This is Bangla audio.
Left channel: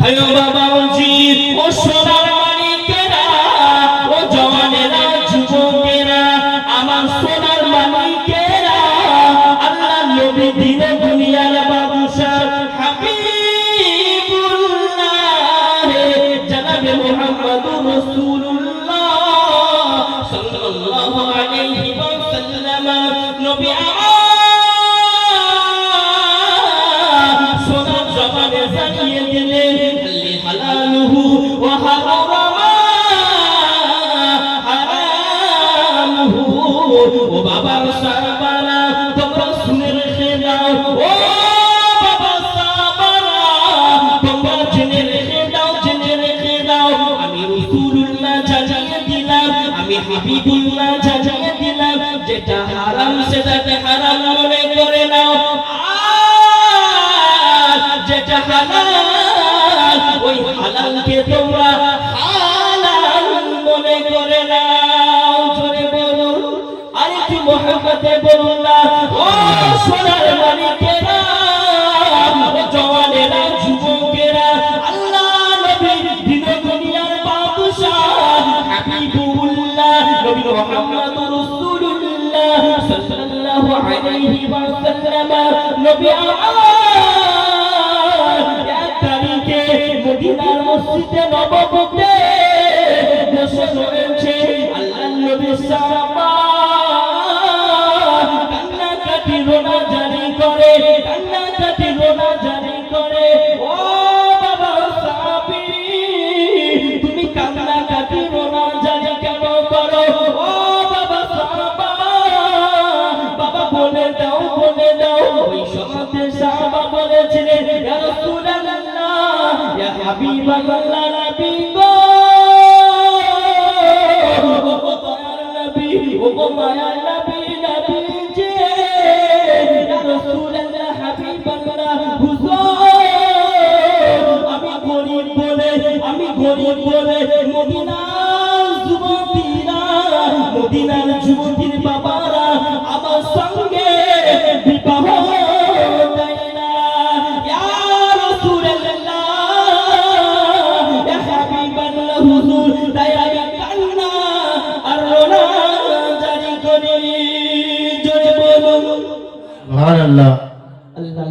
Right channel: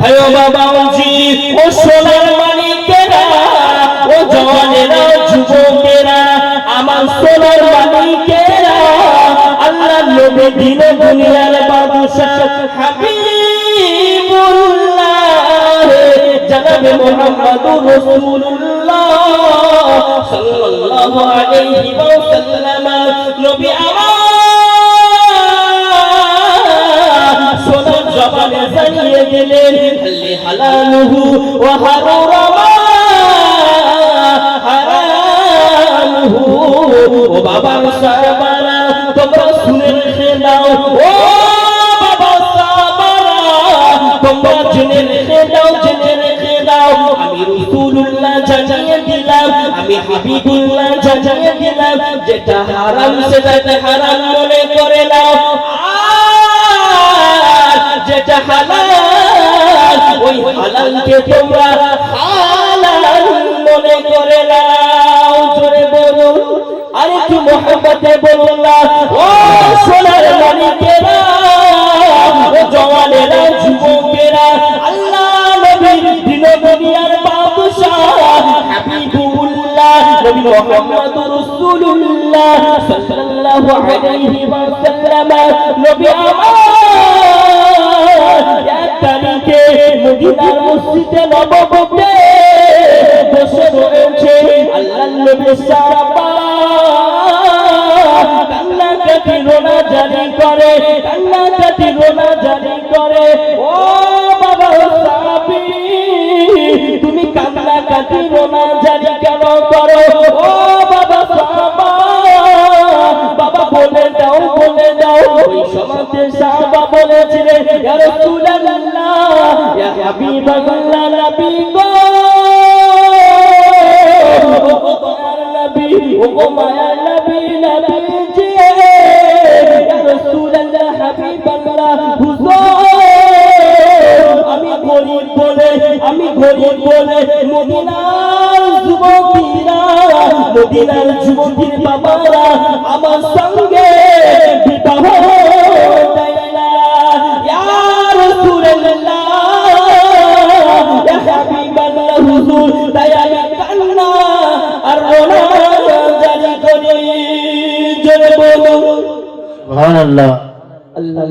ভাইও বাবা জি ও সোনার মানিকেরা ও জওয়ানেরা যুবকেরা আমার সোনার মানিকেরা আল্লাহর নবী দিন দুনিয়ার বাদশা হাবিবুল্লাহ জনাবে মুহাম্মদুর রাসূলুল্লাহ সাল্লাল্লাহু আলাইহি ওয়াসাল্লাম নবী আমার সোনার জবানে জানিয়ে দিলেন হালালুহু ওয়া হারামুহু ও বাবা সাহাবারা তোমরা শুনে রেখে দাও ও বাবা সাহাবারা তোমরা জেনে রেখে দাও আমি রাসূলুল্লাহ জানিয়ে দিলাম আমি হাবিবুল্লাহ জানিয়ে দিলাম যেটা হারাম সেটাকে হারাম মনে করে নাও যেটা হালাল ওই হালালকে তোমরা হালাল মনে করে নাও জোরে বলো আর একটু মহব্বতে বলুন না ও সোনার মানিকেরা ও জওয়ানেরা যুবকেরা আল্লাহ নবী দিন দুনিয়ার বাদশা হাবিবুল্লাহ নবী মুহাম্মদুর রাসূলুল্লাহ সাল্লাল্লাহু আলাইহি ওয়াসাল্লাম নবী মদিনার মসজিদে নববীতে বসে রয়েছে আল্লাহর নবী সাহাবা কান্নাকাটি রোনা জারি করে ও বাবা সাহাবী তুমি কান্নাকাটি রোনা জারি কেন করো ও বাবা সাহাবা বাবা বলে দাও ওই সমাজে সাহাবা বলেছিলেন ইয়া রাসূলুল্লাহ ইয়া হাবিবাল্লাহ নবী গো ও মায়ার নবী জি ইয়া রাসূলুল্লাহ হাবিবাল্লাহ হুজুর আমি গরীব বলে মদিনার যুবতীর বাবারা আমার সঙ্গে বিবাহ দেয় না ইয়া রাসূলুল্লাহ ইয়া হাবিবাল্লাহ হুজুর তাই আমি কান্না আর রোনা জারি করি জোরে বলুন সুবহানাল্লাহ। আল্লাহ